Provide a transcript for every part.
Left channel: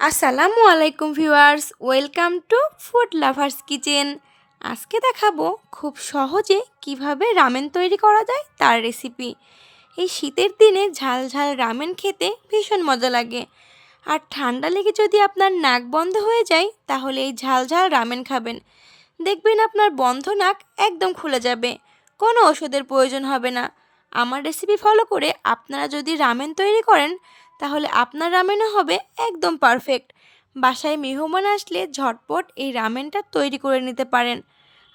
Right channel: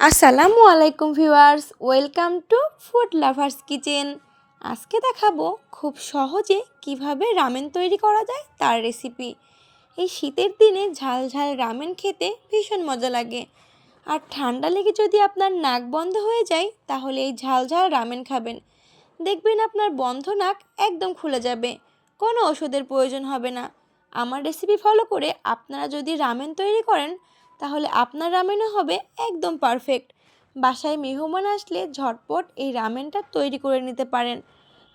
আসসালামু আলাইকুম viewers, welcome to food lovers kitchen. আজকে দেখাবো খুব সহজে কিভাবে রামেন তৈরি করা যায় তার রেসিপি। এই শীতের দিনে ঝাল ঝাল রামেন খেতে ভীষণ মজা লাগে। আর ঠান্ডা লেগে যদি আপনার নাক বন্ধ হয়ে যায় তাহলে এই ঝাল ঝাল রামেন খাবেন, দেখবেন আপনার বন্ধ নাক একদম খুলে যাবে। কোনো ওষুধের প্রয়োজন হবে না। আমার রেসিপি ফলো করে আপনারা যদি রামেন তৈরি করেন তাহলে আপনার রামেনও হবে একদম পারফেক্ট। বাসায় মেহমান আসলে ঝটপট এই রামেনটা তৈরি করে নিতে পারেন।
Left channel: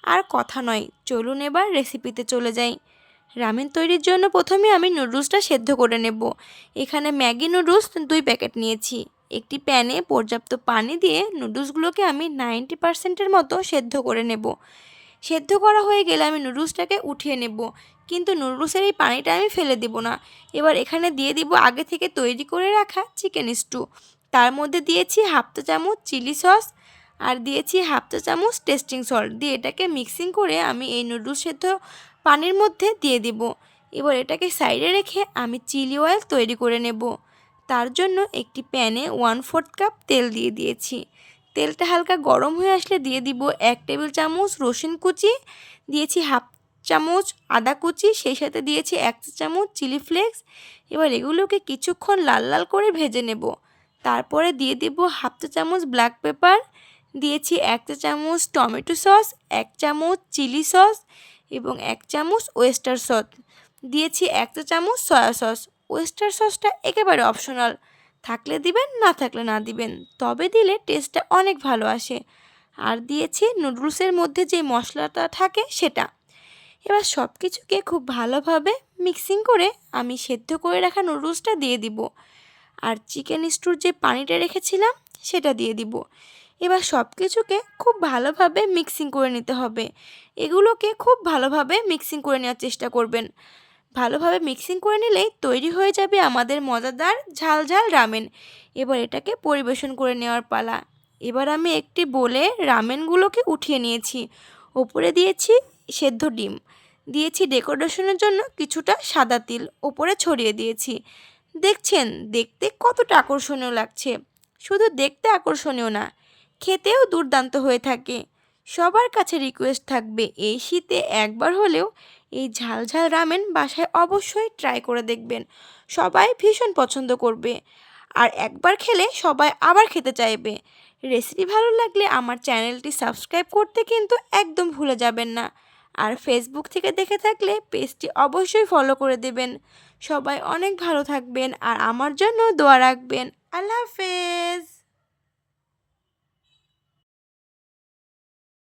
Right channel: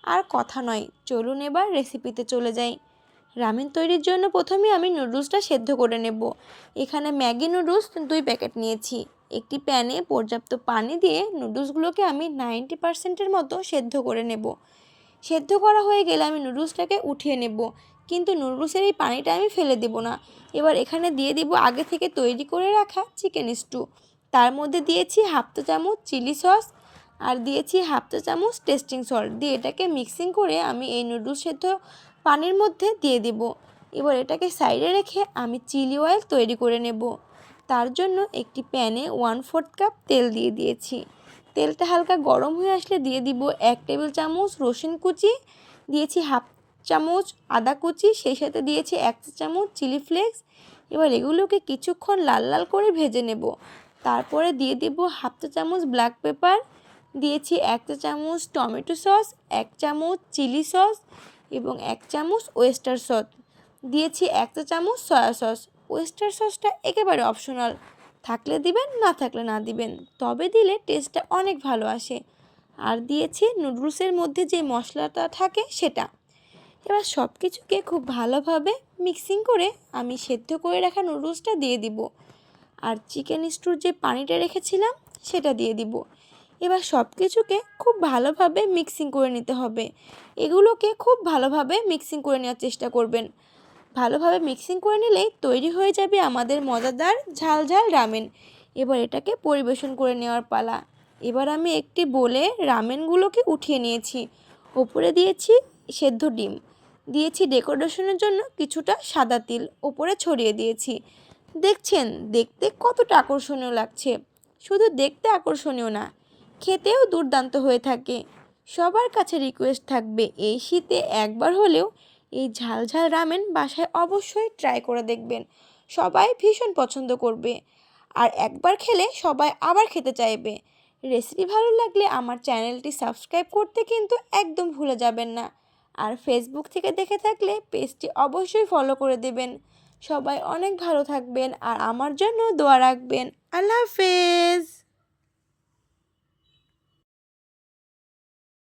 আর কথা নয়, চলুন এবার রেসিপিতে চলে যাই। রামেন তৈরির জন্য প্রথমে আমি নুডলসটা সেদ্ধ করে নেব। এখানে ম্যাগি নুডলস 2 প্যাকেট নিয়েছি। একটি প্যানে পর্যাপ্ত পানি দিয়ে নুডলসগুলোকে আমি 90%-এর মতো সেদ্ধ করে নেব। সেদ্ধ করা হয়ে গেলে আমি নুডলসটাকে উঠিয়ে নেব, কিন্তু নুডলসের এই পানিটা আমি ফেলে দেব না। এবার এখানে দিয়ে দিব আগে থেকে তৈরি করে রাখা চিকেন স্টু। তার মধ্যে দিয়েছি হাফ চা চামচ চিলি সস আর দিয়েছি হাফ চা চামচ টেস্টিং সল্ট দিয়ে এটাকে মিক্সিং করে আমি এই নুডলস সেদ্ধ পানির মধ্যে দিয়ে দিব। এবার এটাকে সাইডে রেখে আমি চিলি অয়েল তৈরি করে নেব। তার জন্য একটি প্যানে 1/4 কাপ তেল দিয়ে দিয়েছি। তেলটা হালকা গরম হয়ে আসলে দিয়ে দিব 1 টেবিল চামচ রসুন কুচি, দিয়েছি হাফ চামচ আদা কুচি, সেই সাথে দিয়েছি 1 চা চামচ চিলি ফ্লেক্স। এবার এগুলোকে কিছুক্ষণ লাল লাল করে ভেজে নেব। তারপরে দিয়ে দেব হাফ চা চামচ ব্ল্যাক পেপার, দিয়েছি 1 চা চামচ টমেটো সস, 1 চামচ চিলি সস এবং 1 চামচ ওয়েস্টার সস, দিয়েছি 1 চা চামচ সয়া সস। ওয়েস্টার সসটা একেবারে অপশনাল, থাকলে দিবেন না থাকলে না দিবেন, তবে দিলে টেস্টটা অনেক ভালো আসে। আর দিয়েছি নুডলসের মধ্যে যে মশলাটা থাকে সেটা। এবার সব কিছুকে খুব ভালোভাবে মিক্সিং করে আমি সেদ্ধ করে রাখা নুডলসটা দিয়ে দিব। আর চিকেন স্টুর যে পানিটা রেখেছিলাম সেটা দিয়ে দিব। এবার সব কিছুকে খুব ভালোভাবে মিক্সিং করে নিতে হবে। এগুলোকে খুব ভালোভাবে মিক্সিং করে নেওয়ার চেষ্টা করবেন। ভালোভাবে মিক্সিং করে নিলেই তৈরি হয়ে যাবে আমাদের মজাদার ঝাল ঝাল রামেন। এবার এটাকে পরিবেশন করে নেওয়ার পালা। এবার আমি একটি বোলে রামেনগুলোকে উঠিয়ে নিয়েছি। ওপরে দিয়েছি সেদ্ধ ডিম, দিয়েছি ডেকোরেশনের জন্য কিছুটা সাদা তিল ওপরে ছড়িয়ে দিয়েছি। দেখছেন দেখতে কতটা আকর্ষণীয় লাগছে। শুধু দেখতে আকর্ষণীয় না, খেতেও দুর্দান্ত হয়ে থাকে। সবার কাছে রিকোয়েস্ট থাকবে এই শীতে একবার হলেও এই ঝাল ঝাল রামেন বাসায় অবশ্যই ট্রাই করে দেখবেন। সবাই ভীষণ পছন্দ করবে, আর একবার খেলে সবাই আবার খেতে চাইবে। রেসিপি ভালো লাগলে আমার চ্যানেলটি সাবস্ক্রাইব করতে কিন্তু একদম ভুলে যাবেন না। আর ফেসবুক থেকে দেখে থাকলে পেজটি অবশ্যই ফলো করে দেবেন। সবাই অনেক ভালো থাকবেন আর আমার জন্য দোয়া রাখবেন। আল্লাহ হাফেজ।